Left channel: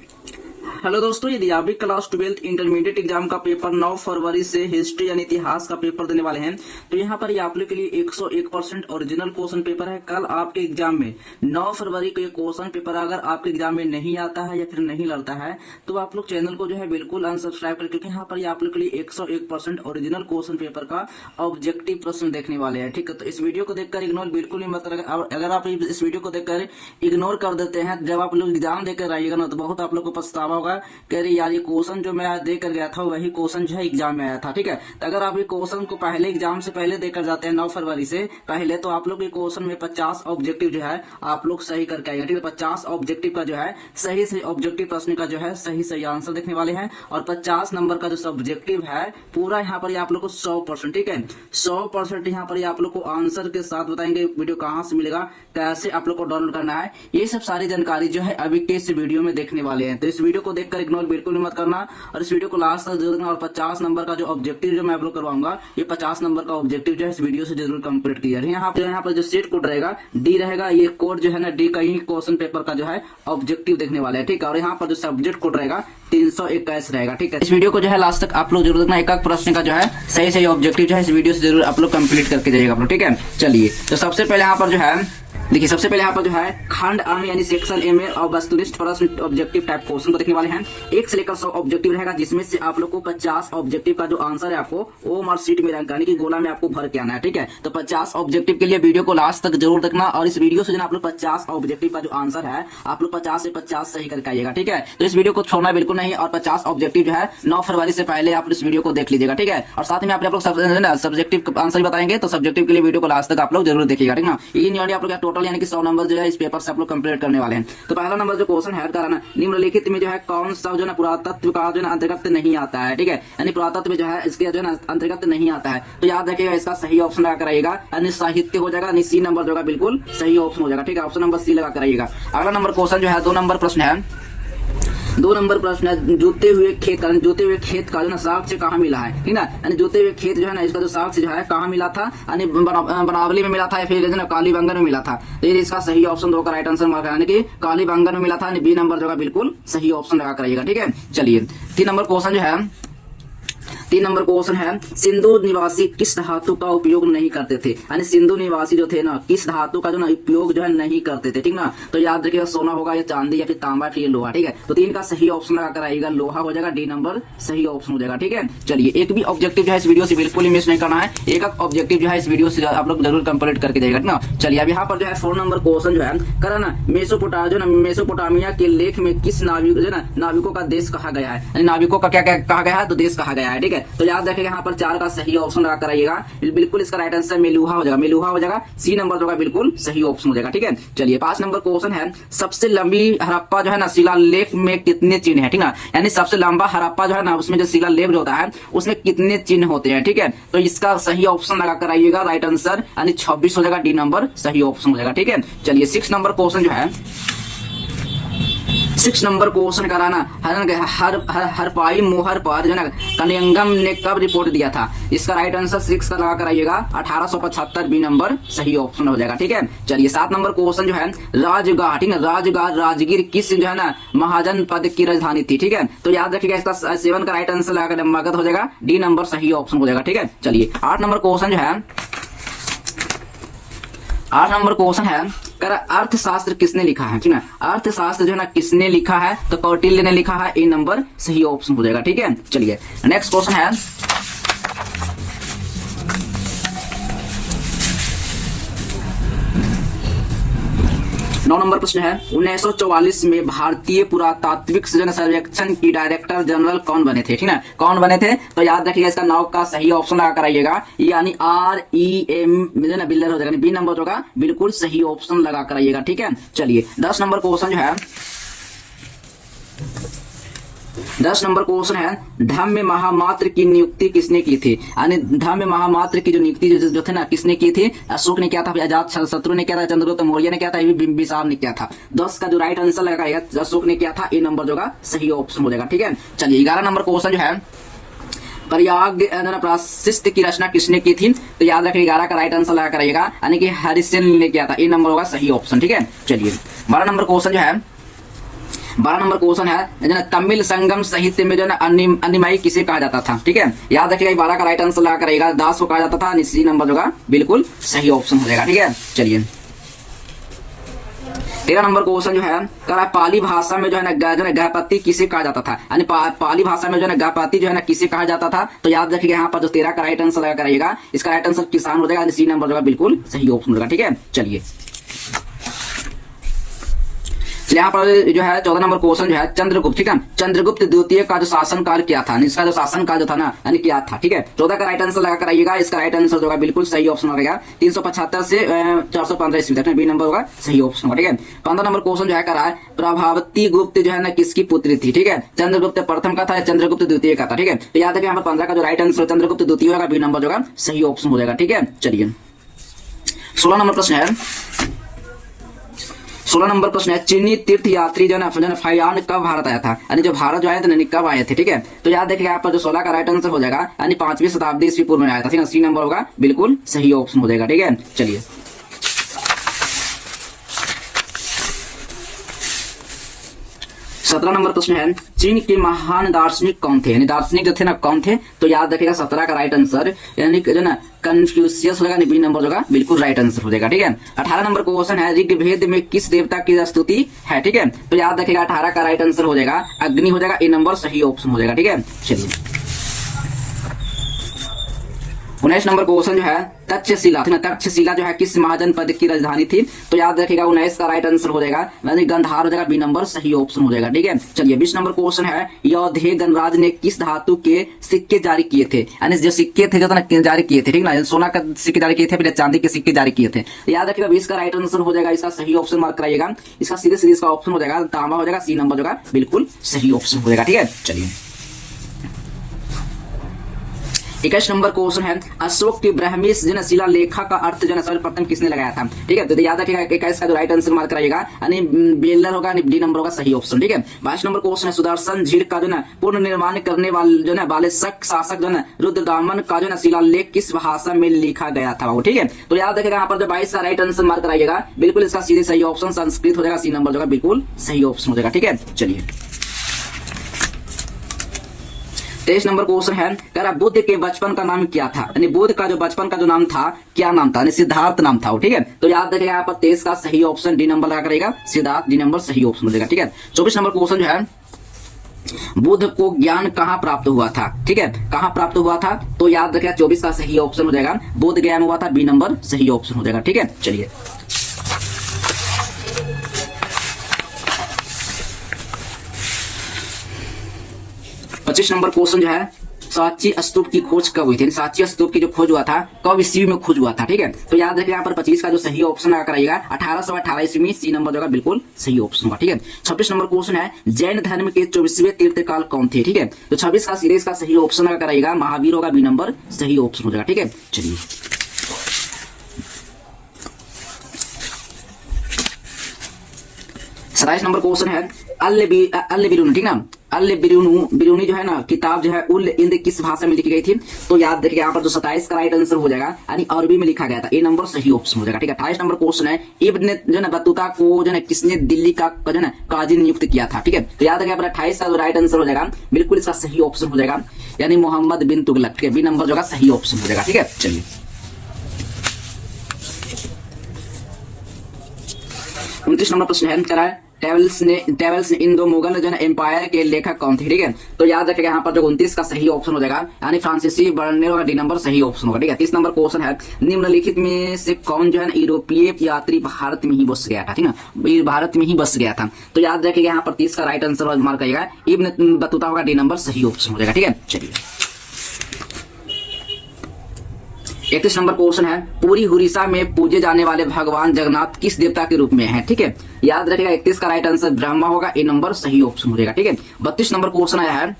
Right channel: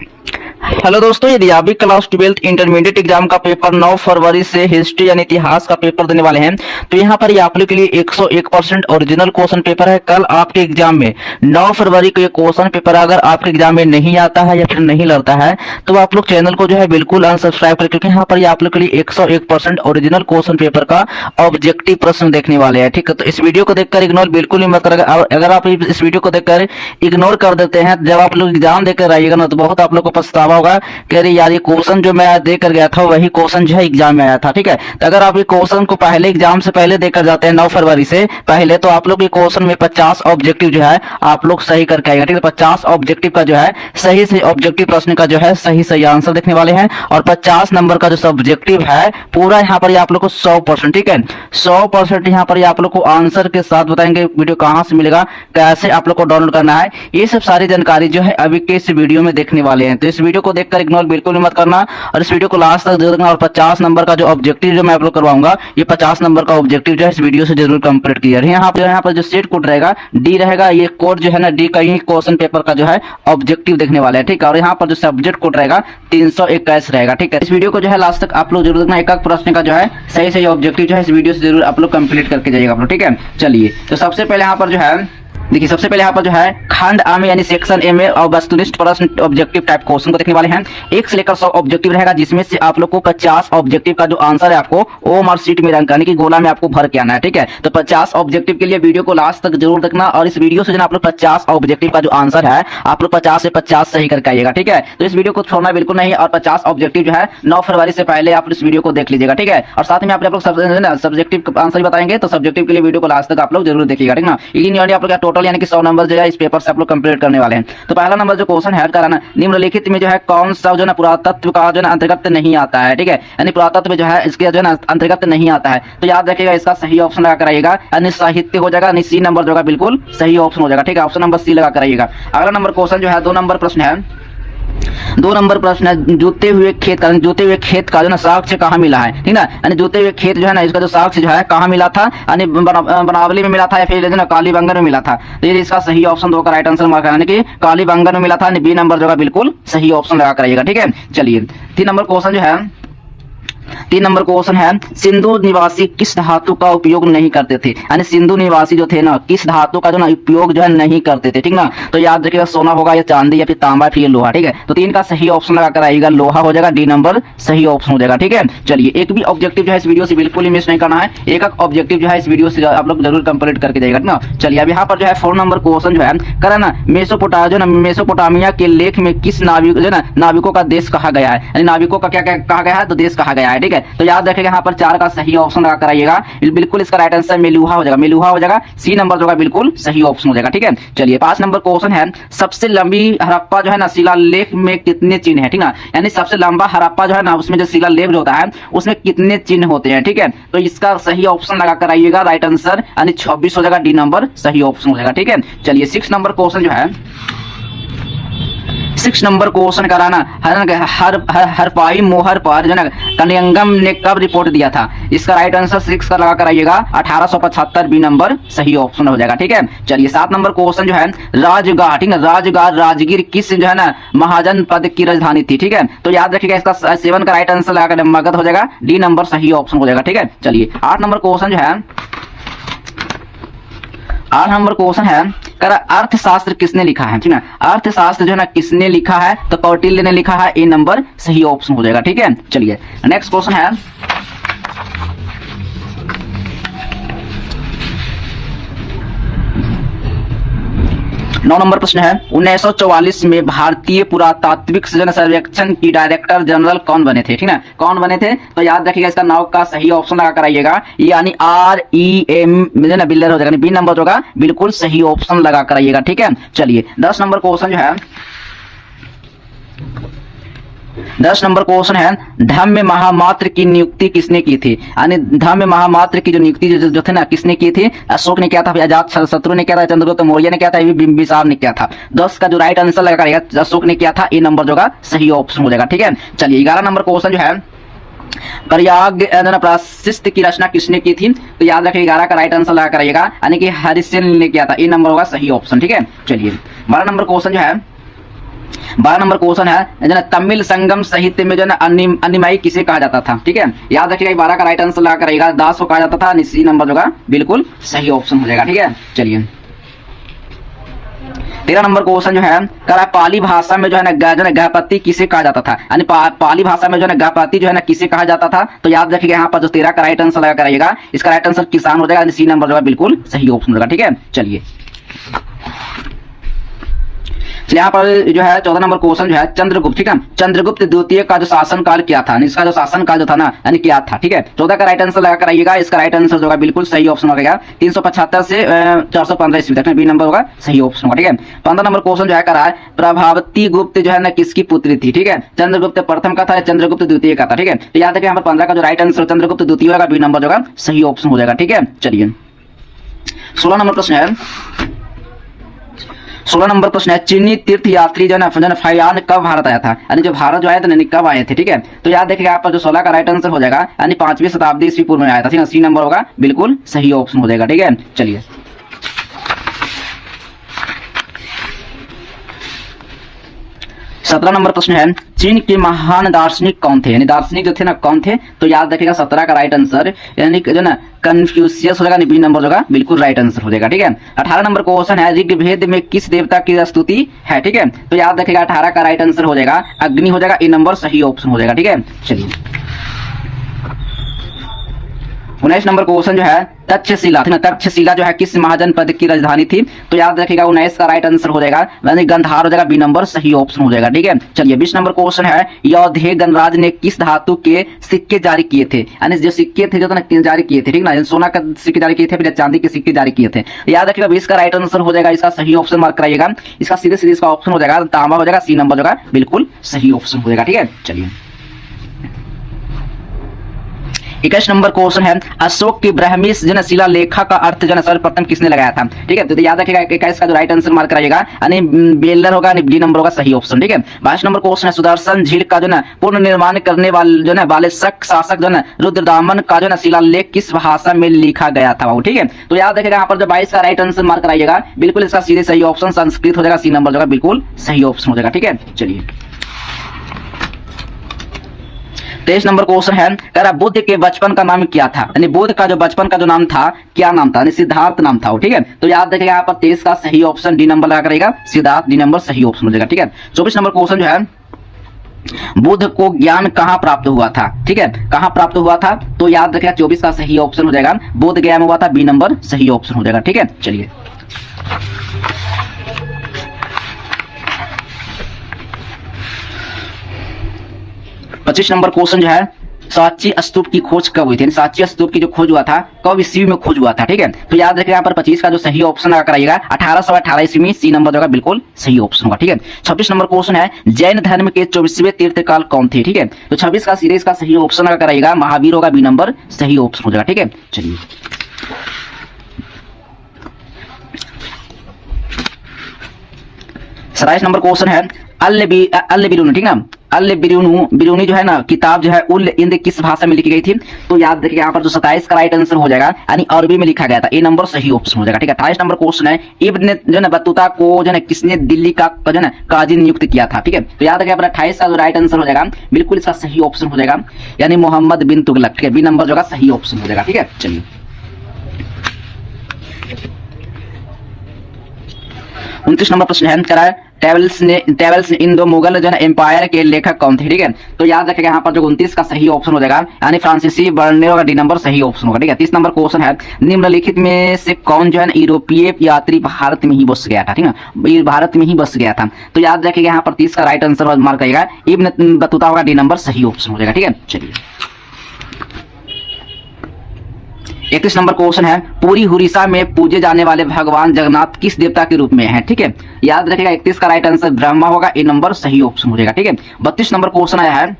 Hello दोस्तों, यदि आप भी क्लास 12th इंटरमीडिएट एग्जाम का पेपर 9 फरवरी से हिस्ट्री यानी इतिहास का पेपर देने वाले हैं, तो यहाँ पर ये आप लोग के लिए 101% ओरिजिनल क्वेश्चन पेपर है। कल आपके एग्जाम में 9 फरवरी को ये क्वेश्चन पेपर अगर आपके एग्जाम में नहीं आता है या फिर नहीं लड़ता है तो आप लोग चैनल को जो है बिल्कुल अनसब्सक्राइब करें, क्योंकि यहाँ पर ये आप लोग के लिए 101% ओरिजिनल क्वेश्चन पेपर का ऑब्जेक्टिव प्रश्न देखने वाले हैं। ठीक है, तो इस वीडियो को देखकर इग्नोर बिल्कुल ही मत करेगा। अगर आप इस वीडियो को देखकर इग्नोर कर देते हैं, जब आप लोग एग्जाम देकर आइएगा ना, तो बहुत आप लोग को पछतावा होगा कि अरे यार, ये क्वेश्चन जो मैं दे कर गया था वही क्वेश्चन जो है एग्जाम में आया था। ठीक है, तो अगर आप ये क्वेश्चन को पहले एग्जाम से पहले देकर जाते हैं 9 फरवरी से पहले, तो आप लोग ये क्वेश्चन में 50 ऑब्जेक्टिव जो है आप लोग सही करके आएगा। ठीक है, 50 ऑब्जेक्टिव का जो है सही से ऑब्जेक्टिव प्रश्न का जो है सही आंसर देखने वाले हैं, और 50 नंबर का जो सब्जेक्टिव है पूरा यहाँ पर आप लोग को 100%, ठीक है, 100% यहाँ पर आप लोग को आंसर के साथ बताएंगे। वीडियो कहाँ से मिलेगा, कैसे आप लोग को डाउनलोड करना है, ये सब सारी जानकारी जो है अभी के इस वीडियो में देखने वाले हैं। तो इस वीडियो को देखकर इग्नोर बिल्कुल भी मत करना, और इस वीडियो को लास्ट तक जरूर देखना। और 50 नंबर का जो ऑब्जेक्टिव जो मैं आप लोग करवाऊंगा, ये 50 नंबर का ऑब्जेक्टिव जो है इस वीडियो से जरूर कंप्लीट किया। यहाँ पर जो सेट कोड रहेगा डी रहेगा, ये कोड जो है ना डी का ही क्वेश्चन पेपर का जो है ऑब्जेक्टिव देखने वाले हैं। ठीक है, और यहाँ पर जो सब्जेक्ट कोड रहेगा 321 रहेगा। ठीक है, इस वीडियो को जो है लास्ट तक आप लोग जरूर देखना। एक प्रश्न का जो है सही ऑब्जेक्टिव जो है इस वीडियो से जरूर आप लोग कंप्लीट करके जाइएगा आप लोग। ठीक है, चलिए, तो सबसे पहले यहाँ पर जो है देखिए, सबसे पहले यहाँ पर जो है खंड आ में यानी सेक्शन ए में और वस्तुनिष्ठ प्रश्न ऑब्जेक्टिव टाइप क्वेश्चन को देखने वाले हैं। 1 से लेकर 100 ऑब्जेक्टिव रहेगा, जिसमें से आप लोग को 50 ऑब्जेक्टिव का जो आंसर है आपको ओ मार्क शीट में रंग यानी कि गोला में आपको भर के आना है। ठीक है, तो 50 ऑब्जेक्टिव के लिए वीडियो को लास्ट तक जरूर देखना, और इस वीडियो से जो आप लोग 50 ऑब्जेक्टिव का जो आंसर है आप लोग 50 से 50 सही करके आइएगा। ठीक है, तो इस वीडियो को छोड़ना बिल्कुल नहीं, और 50 ऑब्जेक्टिव जो है 9 फरवरी से पहले आप इस वीडियो को देख लीजिएगा। ठीक है, और साथ में आप लोग सब्जेक्टिव आंसर बताएंगे, तो सब्जेक्टिव के लिए वीडियो को लास्ट तक आप लोग जरूर देखिएगा। ठीक है, आप लोग टोटल यानी कि 100 नंबर इस पेपर से आप लोग कंप्लीट करने वाले हैं। तो पहला नंबर जो क्वेश्चन है कराना, निम्नलिखित में जो है कौन सा जो है पुरातत्व का जो है अंतर्गत नहीं आता है। ठीक है, यानी पुरातत्व में जो है इसके जो है अंतर्गत नहीं आता है, तो याद रखिएगा इसका सही ऑप्शन लगा कराइएगा, यानी साहित्य हो जाएगा, यानी सी नंबर जो है बिल्कुल सही ऑप्शन हो जाएगा। ठीक है, ऑप्शन नंबर सी लगा कराइएगा। अगला नंबर क्वेश्चन जो है 2 नंबर प्रश्न है। 2 नंबर प्रश्न है, जोते हुए खेत का जो ना साक्ष्य कहाँ मिला है। ठीक ना, यानी जोते हुए खेत जो है ना इसका जो साक्ष्य जो है कहाँ मिला था, यानी बनावली में मिला था या फिर जो ना कालीबंगन में मिला था। तो ये इसका सही ऑप्शन होगा, राइट आंसर मार्क यानी कि कालीबंगन में मिला था, यानी बी नंबर जो है बिल्कुल सही ऑप्शन लगा कराइएगा। ठीक है, चलिए 3 नंबर क्वेश्चन जो है 3 नंबर क्वेश्चन है, सिंधु निवासी किस धातु का उपयोग नहीं करते थे, यानी सिंधु निवासी जो थे ना किस धातु का जो ना उपयोग जो है नहीं करते थे। ठीक ना, तो याद रखिएगा सोना होगा या चांदी या फिर तांबा फिर लोहा। ठीक है, तो 3 का सही ऑप्शन लगा कर आइएगा, लोहा हो जाएगा, डी नंबर सही ऑप्शन हो जाएगा। ठीक है, चलिए, एक भी ऑब्जेक्टिव जो है इस वीडियो से बिल्कुल ही मिस नहीं करना है, एक ऑब्जेक्टिव जो है इस वीडियो से आप लोग जरूर कंप्लीट करके जाइएगा ना। चलिए, अब यहाँ पर जो है 4 नंबर क्वेश्चन जो है करा ना, मेसोपोटामिया के लेख में किस नाविक जो ना नाविकों का देश कहा गया है, यानी नाविकों का क्या कहा गया है, तो देश कहा गया है। ठीक है, तो याद रखिएगा यहाँ पर 4 का सही ऑप्शन लगा कराइएगा, बिल्कुल इसका राइट आंसर मेलुहा हो जाएगा, सी नंबर जो है बिल्कुल सही ऑप्शन हो जाएगा। ठीक है, चलिए 5 नंबर क्वेश्चन है, सबसे लंबी हड़प्पा जो है ना शिलालेख में कितने चिन्ह है। ठीक ना, यानी सबसे लंबा हड़प्पा जो है ना उसमें जो शिलालेख जो होता है उसमें कितने चिन्ह होते हैं। ठीक है, तो इसका सही ऑप्शन लगा कराइएगा, राइट आंसर यानी 26 हो जाएगा, डी नंबर सही ऑप्शन हो जाएगा। ठीक है, चलिए 6 नंबर क्वेश्चन जो है 6 नंबर क्वेश्चन कराना, हरपाई मोहर पर जो है कनियंगम ने कब रिपोर्ट दिया था, इसका राइट आंसर 6 का लगा कराइएगा, 1875, बी नंबर सही ऑप्शन हो जाएगा। ठीक है, चलिए 7 नंबर क्वेश्चन जो है राजगाह, ठीक है, राजगाह राजगीर किस जो है ना महाजन पद की राजधानी थी। ठीक है, तो याद रखिएगा इसका 7 का राइट आंसर लगा मगध हो जाएगा, डी नंबर सही ऑप्शन हो जाएगा। ठीक है, चलिए 8 नंबर क्वेश्चन जो है 8 नंबर क्वेश्चन है, अर्थशास्त्र किसने लिखा है। ठीक है, अर्थशास्त्र जो है ना किसने लिखा है, तो कौटिल्य ने लिखा है, ए नंबर सही ऑप्शन हो जाएगा। ठीक है, चलिए नेक्स्ट क्वेश्चन है 9 नंबर प्रश्न है, 1944 में भारतीय पुरातात्विक सर्वेक्षण की डायरेक्टर जनरल कौन बने थे। ठीक है, कौन बने थे, तो याद रखिएगा इसका 9 का सही ऑप्शन लगा कराइएगा, यानी REM बिल्डर हो जाएगा, बी नंबर होगा बिल्कुल सही ऑप्शन लगा कराइएगा। ठीक है, चलिए 10 नंबर क्वेश्चन जो है 10 नंबर क्वेश्चन है, धम्म महामात्र की नियुक्ति किसने की थी, यानी धम्म महामात्र की जो नियुक्ति जो थे ना किसने की थी, अशोक ने किया था, अजात शत्रु ने किया था, चंद्रगुप्त मौर्य ने किया था, बिंबिसार ने किया था। 10 का जो राइट आंसर लगा अशोक ने किया था, ए नंबर जो सही ऑप्शन हो जाएगा। ठीक है, चलिए 11 नंबर क्वेश्चन जो है प्रयाग प्राशिस्त की रचना किसने की थी, तो याद रखिए 11 का राइट आंसर लगा कराइएगा, यानी कि हरिसेन ने किया था, ए नंबर होगा सही ऑप्शन। ठीक है, चलिए 12 नंबर क्वेश्चन जो है 12 नंबर क्वेश्चन है जो है तमिल संगम साहित्य में जो है ना अन्निमाई किसे कहा जाता था, ठीक है। याद रखिएगा 12 का राइट आंसर लगा करेगा दास को कहा जाता था, सी नंबर जो है बिल्कुल सही ऑप्शन हो जाएगा, ठीक है। चलिए 13 नंबर क्वेश्चन जो है करा पाली भाषा में जो है ना गहपति किसे कहा जाता था, यानी पाली भाषा में जो है ना गहपति जो है ना किसे कहा जाता था। तो याद रखिएगा यहाँ पर जो 13 का राइट आंसर लगा कराइएगा, इसका राइट आंसर किसान हो जाएगा, सी नंबर जो है बिल्कुल सही ऑप्शन होगा, ठीक है। चलिए यहाँ पर जो है 14 नंबर क्वेश्चन जो है चंद्रगुप्त, ठीक है, चंद्रगुप्त द्वितीय का जो शासन काल क्या था, इसका जो शासन काल जो था ना यानी क्या था, ठीक है। 14 का राइट आंसर लगा कराइएगा, इसका राइट आंसर जो है बिल्कुल सही ऑप्शन होगा 375 से 415 ईस्वी तक, बी नंबर होगा सही ऑप्शन होगा, ठीक है। 15 नंबर क्वेश्चन जो है करा है प्रभावती गुप्त जो है ना किसकी पुत्री थी, ठीक है, चंद्रगुप्त प्रथम का था या चंद्रगुप्त द्वितीय का था, ठीक है। तो याद है कि यहाँ पर 15 का जो राइट आंसर चंद्रगुप्त द्वितीय होगा, बी नंबर जो है सही ऑप्शन हो जाएगा, ठीक है। चलिए 16 नंबर प्रश्न है, 16 नंबर प्रश्न है चीनी तीर्थ यात्री जो है फाइयान कब भारत आया था, यानी जो भारत जो आया था कब आए थे, ठीक है। तो याद देखिएगा आप पर जो 16 का राइट आंसर हो जाएगा यानी 5वीं शताब्दी ईस्वी पूर्व में आया था, ठीक है, सी नंबर होगा बिल्कुल सही ऑप्शन हो जाएगा, ठीक है। चलिए 17 नंबर प्रश्न है चीन के महान दार्शनिक कौन थे, यानी दार्शनिक जो थे ना कौन थे। तो याद रखिएगा 17 का राइट आंसर यानी जो ना कन्फ्यूशियस हो जाएगा, बी नंबर होगा बिल्कुल राइट आंसर हो जाएगा, ठीक है। 18 नंबर क्वेश्चन है ऋग्वेद में किस देवता की स्तुति है, ठीक है। तो याद रखिएगा 18 का राइट आंसर हो जाएगा अग्नि हो जाएगा, ए नंबर सही ऑप्शन हो जाएगा, ठीक है। चलिए 19 नंबर क्वेश्चन जो है तक्षशिला, तक्षशिला जो है किस महाजनपद की राजधानी थी। तो याद रखिएगा 19 का राइट आंसर हो जाएगा यानी गंधार हो जाएगा, बी नंबर सही ऑप्शन हो जाएगा, ठीक है। चलिए 20 नंबर क्वेश्चन है यौधेय गणराज ने किस धातु के सिक्के जारी किए थे, यानी जो सिक्के थे जो जारी किए थे, ठीक ना, सोना का सिक्के जारी किए थे फिर चांदी के सिक्के जारी किए थे। याद रखिएगा 20 का राइट आंसर हो जाएगा, इसका सही ऑप्शन मार्क कराइएगा, इसका सीधे सीधे इसका ऑप्शन हो जाएगा तांबा हो जाएगा, सी नंबर जो है बिल्कुल सही ऑप्शन हो जाएगा, ठीक है। चलिए 21 नंबर क्वेश्चन है अशोक की ब्राह्मी शिला लेखा का अर्थ जो है सर्वप्रथम किसने लगाया था, ठीक है। तो याद रखिएगा 21 का जो राइट आंसर मार्क कराइएगा यानी बेलर होगा, डी नंबर होगा सही ऑप्शन, ठीक है। 22 नंबर क्वेश्चन है सुदर्शन झील का जो ना पूर्ण निर्माण करने वाले जो ना वाले शक शासक जो ना रुद्रदामन का जो ना शिलालेख किस भाषा में लिखा गया था, ठीक है। तो याद रखिएगा यहाँ पर जो 22 का राइट आंसर मार्क कराइएगा बिल्कुल इसका सीधे सही ऑप्शन संस्कृत हो जाएगा, सी नंबर जो है बिल्कुल सही ऑप्शन हो जाएगा, ठीक है। चलिए 23 नंबर क्वेश्चन है करा बुद्ध के बचपन का नाम क्या था, यानी बुद्ध का जो बचपन का जो नाम था क्या नाम था, यानी सिद्धार्थ नाम था, ठीक है। तो याद रखिएगा यहाँ पर 23 का सही ऑप्शन डी नंबर लगा करेगा, सिद्धार्थ डी नंबर सही ऑप्शन हो जाएगा, ठीक है। 24 नंबर क्वेश्चन जो है बुद्ध को ज्ञान कहाँ प्राप्त हुआ था, ठीक है, कहाँ प्राप्त हुआ था। तो याद रखिएगा 24 का सही ऑप्शन हो जाएगा बुद्ध गया में हुआ था, बी नंबर सही ऑप्शन हो जाएगा, ठीक है। चलिए 25 नंबर क्वेश्चन जो है सांची स्तूप की खोज कब हुई थी, सांची स्तूप की जो खोज हुआ था कब ईस्वी में खोज हुआ था, ठीक है। तो याद रखिएगा यहाँ पर 25 का जो सही ऑप्शन लगा कराइएगा 1818 ईस्वी में, सी नंबर होगा बिल्कुल सही ऑप्शन होगा, ठीक है। 26 नंबर क्वेश्चन है जैन धर्म के 24वें तीर्थकाल कौन थे, ठीक है। तो 26 का सीरीज का सही ऑप्शन लगा कराइएगा महावीर होगा, बी नंबर सही ऑप्शन हो जाएगा, ठीक है। चलिए 27 नंबर क्वेश्चन है अल बिरूनी, ठीक ना, अल बिरूनी जो है ना किताब जो है उल इंद किस भाषा में लिखी गई थी। तो याद रखिए यहाँ पर जो 27 का राइट आंसर हो जाएगा यानी अरबी में लिखा गया था, ए नंबर सही ऑप्शन हो जाएगा, ठीक है। 28 नंबर क्वेश्चन है इब्न जो ना बतूता को जो है किसने दिल्ली का जो है काजी नियुक्त किया था, ठीक है। तो याद रखिए 28 का जो राइट आंसर हो जाएगा बिल्कुल इसका सही ऑप्शन हो जाएगा यानी मोहम्मद बिन तुगलक, ठीक है, बी नंबर जो है सही ऑप्शन हो जाएगा, ठीक है। चलिए 29 नंबर प्रश्न है करा है टेबल्स ने इंडो मुगल जो है एम्पायर के लेखक कौन थे, ठीक है। तो याद रखिएगा यहाँ पर जो 29 का सही ऑप्शन हो जाएगा यानी फ्रांसीसी बर्नियर होगा, डी नंबर सही ऑप्शन होगा, ठीक है। 30 नंबर क्वेश्चन है निम्नलिखित में से कौन जो है यूरोपीय यात्री भारत में ही बस गया था, ठीक है, भारत में ही बस गया था। तो याद रखिएगा यहाँ पर 30 का राइट आंसर मार्क करिएगा इब्न बतूता होगा, डी नंबर सही ऑप्शन हो जाएगा, ठीक है। चलिए 31 नंबर क्वेश्चन है पूरी उड़ीसा में पूजे जाने वाले भगवान जगन्नाथ किस देवता के रूप में है, ठीक है। याद रखिएगा 31 का राइट आंसर ब्रह्मा होगा, ए नंबर सही ऑप्शन हो जाएगा, ठीक है। 32 नंबर क्वेश्चन आया है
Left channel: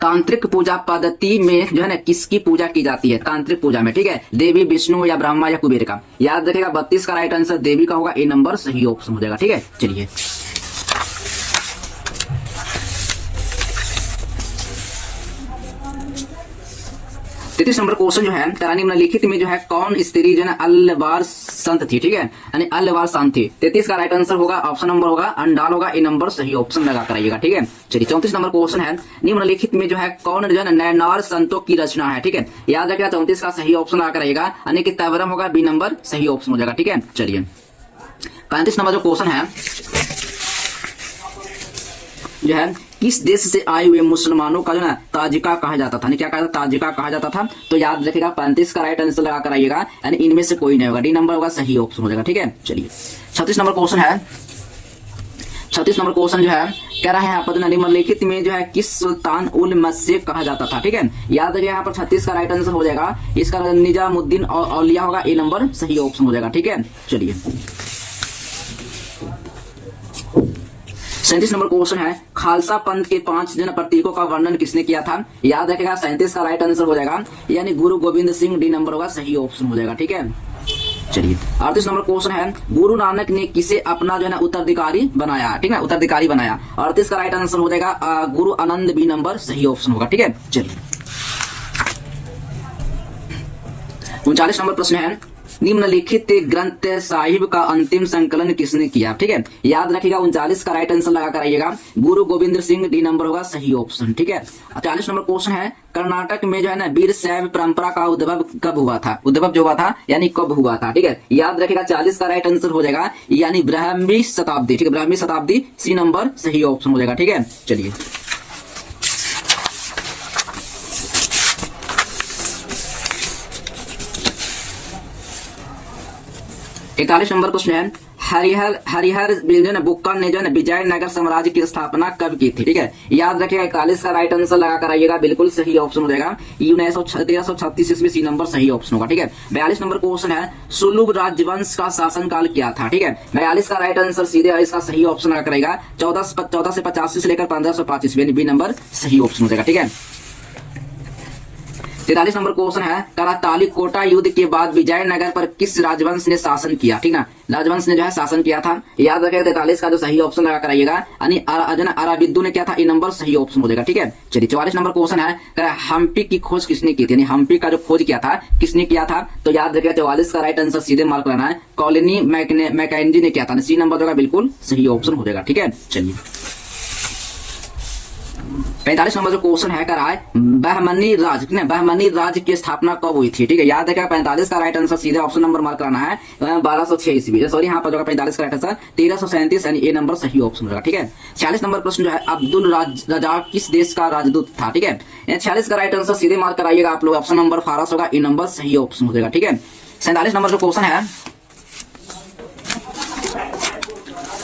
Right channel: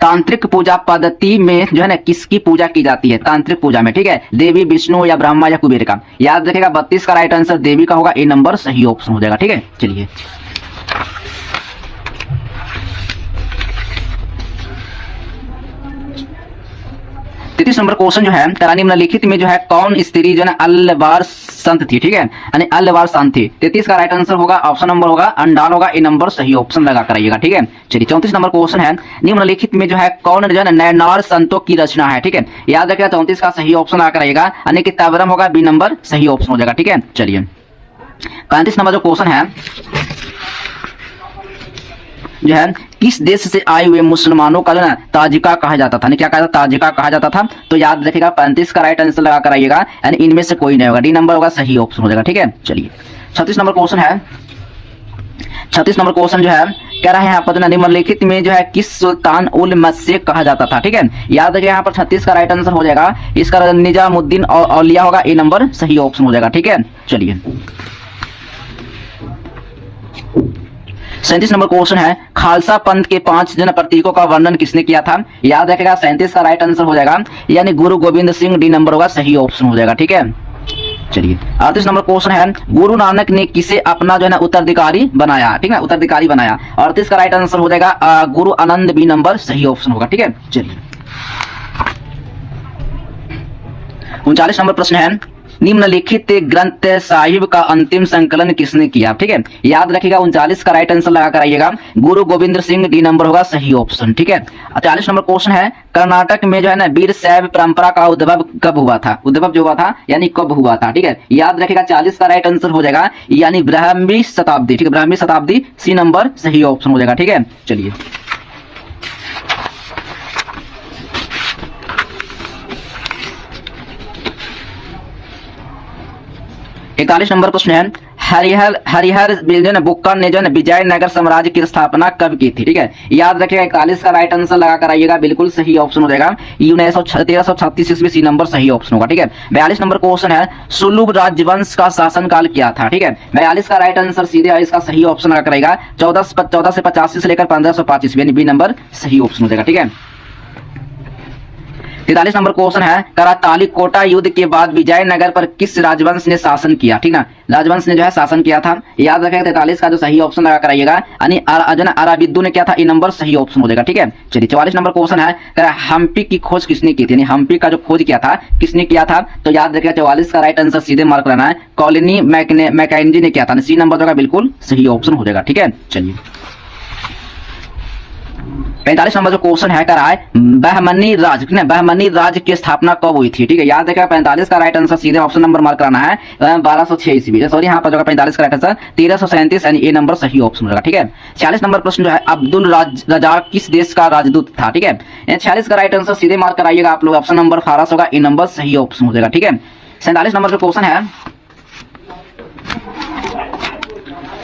तांत्रिक पूजा पद्धति में जो है ना किसकी पूजा की जाती है, तांत्रिक पूजा में, ठीक है, देवी विष्णु या ब्रह्मा या कुबेर का। याद रखिएगा 32 का राइट आंसर देवी का होगा, ए नंबर सही ऑप्शन हो जाएगा, ठीक है। चलिए 33 नंबर क्वेश्चन जो है निम्नलिखित में जो है कौन स्त्री जो है अलबार संत थी, ठीक है, यानी अल्लवार संत थी। 33 का राइट आंसर होगा ऑप्शन नंबर होगा अंडाल होगा, ए नंबर सही ऑप्शन लगा कर आइएगा, ठीक है। चलिए 34 नंबर क्वेश्चन है, निम्नलिखित में जो है कौन जो है नैनार संतों की रचना है, ठीक है। याद रखिएगा 34 का सही ऑप्शन लगा कर आइएगा, यानी कि तवरम होगा, बी नंबर सही ऑप्शन हो जाएगा, ठीक है। चलिए 35 नंबर जो क्वेश्चन है जो है किस देश से आए हुए मुसलमानों का जो है ताजिका कहा जाता था, क्या कहा जाता, ताजिका कहा जाता था। तो याद रखिएगा 35 का राइट आंसर लगा कर आइएगा, यानी इनमें से कोई नहीं होगा, डी नंबर होगा सही ऑप्शन हो जाएगा, ठीक है। चलिए 36 नंबर क्वेश्चन है, 36 नंबर क्वेश्चन जो है कह रहा है यहाँ पर निम्नलिखित में जो है किस सुल्तान उल मस्से कहा जाता था, ठीक है। याद रखिए यहाँ पर 36 का राइट आंसर हो जाएगा, इसका निजामुद्दीन औलिया होगा, ए नंबर सही ऑप्शन हो जाएगा, ठीक है। चलिए 37 नंबर क्वेश्चन है, खालसा पंथ के 5 जन प्रतीकों का वर्णन किसने किया था। याद रखेगा 37 का राइट आंसर हो जाएगा, यानी गुरु गोविंद सिंह, डी नंबर होगा सही ऑप्शन हो जाएगा, ठीक है। चलिए 38 नंबर क्वेश्चन है, गुरु नानक ने किसे अपना जो है ना उत्तराधिकारी बनाया, ठीक है, उत्तराधिकारी बनाया। 38 का राइट आंसर हो जाएगा गुरु आनंद, बी नंबर सही ऑप्शन होगा, ठीक है। चलिए 39 नंबर प्रश्न है, निम्नलिखित ग्रंथ साहिब का अंतिम संकलन किसने किया, ठीक है। याद रखिएगा 39 का राइट आंसर लगा कर आइएगा, गुरु गोविंद सिंह, डी नंबर होगा सही ऑप्शन, ठीक है। 40 नंबर क्वेश्चन है, कर्नाटक में जो है ना वीर शैव परंपरा का उद्भव कब हुआ था, उद्भव जो हुआ था यानी कब हुआ था, ठीक है। याद रखिएगा 40 का राइट आंसर हो जाएगा, यानी ब्राह्मी शताब्दी, ठीक है, ब्राह्मी शताब्दी, सी नंबर सही ऑप्शन हो जाएगा, ठीक है। चलिए 41 नंबर प्रश्न है, हरिहर बुक्कर ने जो है विजयनगर साम्राज्य की स्थापना कब की थी, ठीक है। याद रखिएगा 41 का राइट आंसर लगा कर आइएगा, बिल्कुल सही ऑप्शन हो जाएगा, 1336 ईस्वी, सी नंबर सही ऑप्शन होगा, ठीक है। 42 नंबर क्वेश्चन है, सुलुभ राजवंश का शासनकाल क्या था, ठीक है। 42 का राइट आंसर सीधे इसका सही ऑप्शन लगा कर आइएगा, 1485 से लेकर 1505 ईस्वी, यानी बी नंबर सही ऑप्शन हो जाएगा, ठीक है। 43 नंबर क्वेश्चन है, कराताली कोटा युद्ध के बाद विजयनगर पर किस राजवंश ने शासन किया, ठीक ना, राजवंश ने जो है शासन किया था। याद रखेगा 43 का जो सही ऑप्शन लगा कर आइएगा, यानी अराबिदु ने किया था, ए नंबर सही ऑप्शन हो जाएगा, ठीक है। चलिए 44 नंबर क्वेश्चन है, हम्पी की खोज किसने की थी, यानी हम्पी का जो खोज किया था किसने किया था। तो याद रखेगा 44 का राइट आंसर सीधे मार्क करना है, कॉलोनी मैकेंजी ने किया था, सी नंबर होगा बिल्कुल सही ऑप्शन हो जाएगा, ठीक है। चलिए 45 नंबर जो क्वेश्चन है, कह रहा है बहमनी राज की स्थापना कब हुई थी, ठीक है। याद रखिएगा 45 का राइट आंसर सीधे ऑप्शन नंबर मार्क कराना है, 1206 ईस्वी, सॉरी यहाँ पर जो 45 का राइट आंसर 1337, यानी ए नंबर सही ऑप्शन हो जाएगा, ठीक है। 46 नंबर प्रश्न जो है, अब्दुल रजाक किस देश का राजदूत था, ठीक है। 46 का राइट आंसर सीधे मार्क कराइएगा आप लोग, ऑप्शन नंबर फारस होगा, ए नंबर सही ऑप्शन हो जाएगा, ठीक है। 47 नंबर जो क्वेश्चन है,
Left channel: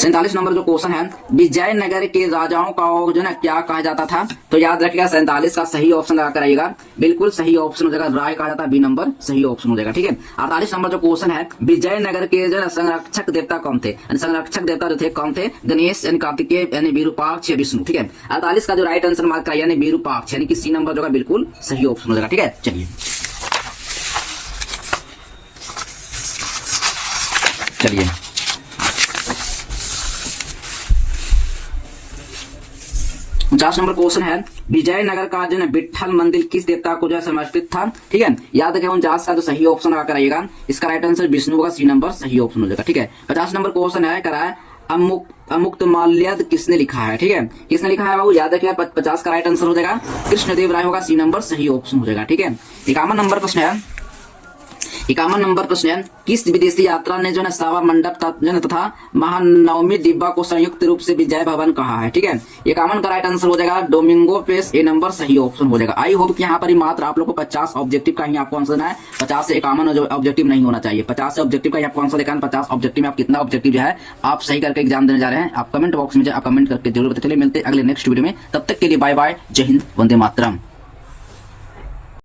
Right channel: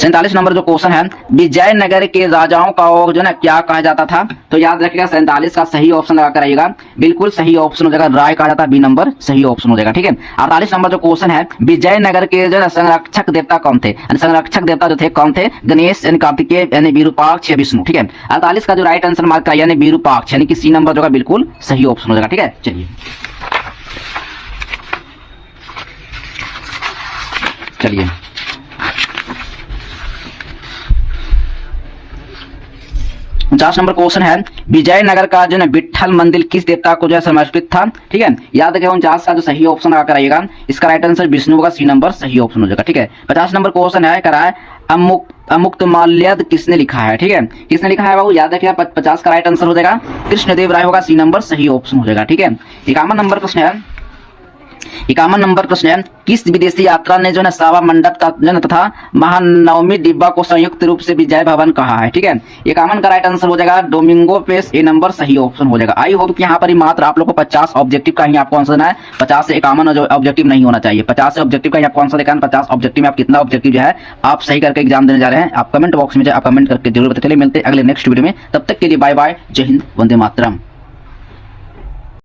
47 नंबर जो क्वेश्चन है, विजयनगर के राजाओं का जो है क्या कहा जाता था। तो याद रखिएगा 47 का सही ऑप्शन लगा कर आइएगा, बिल्कुल सही ऑप्शन हो जाएगा, राय कहा जाता है, बी नंबर सही ऑप्शन हो जाएगा, ठीक है। 48 नंबर जो क्वेश्चन है, विजयनगर के जो है संरक्षक देवता कौन थे, संरक्षक देवता जो थे कौन थे, गणेश यानी कार्तिकेय यानी विरूपाक्ष या विष्णु, ठीक है। 48 का जो राइट आंसर मार्क कराइए, यानी विरूपाक्ष, यानी कि सी नंबर जो है बिल्कुल सही ऑप्शन हो जाएगा, ठीक है। चलिए चलिए 50 नंबर क्वेश्चन है, विजयनगर का जो है विट्ठल मंदिर किस देवता को जो है समर्पित था, ठीक है। याद रखेगा 49 का जो सही ऑप्शन आकर आइएगा, इसका राइट आंसर विष्णु होगा, सी नंबर सही ऑप्शन हो जाएगा, ठीक है। 50 नंबर क्वेश्चन है, कह रहा है अमुक्त माल्यद किसने लिखा है, ठीक है, किसने लिखा है बाबू। याद रखिएगा 50 का राइट आंसर हो जाएगा कृष्णदेव राय होगा, सी नंबर सही ऑप्शन हो जाएगा, ठीक है। 51 नंबर प्रश्न है, 51 नंबर प्रश्न है, किस विदेशी यात्रा ने जो है सावा मंडप तथा महानवमी डिब्बा को संयुक्त रूप से विजय भवन कहा है, ठीक है। 51 का राइट आंसर हो जाएगा डोमिंगो पेस, ए नंबर सही ऑप्शन हो जाएगा। आई होप कि यहाँ पर ही मात्र आप लोग को 50 ऑब्जेक्टिव का ही आपको आंसर देना है, 50 से 51 ऑब्जेक्टिव नहीं होना चाहिए। 50 से ऑब्जेक्टिव का ही आपको आंसर देखा है, 50 ऑब्जेक्टिव में आप कितना ऑब्जेक्टिव जो है आप सही करके एग्जाम देने जा रहे हैं, आप कमेंट बॉक्स में आप कमेंट करके जरूर बताइए। मिलते हैं अगले नेक्स्ट वीडियो में, तब तक के लिए बाय बाय, जय हिंद, वंदे मातरम।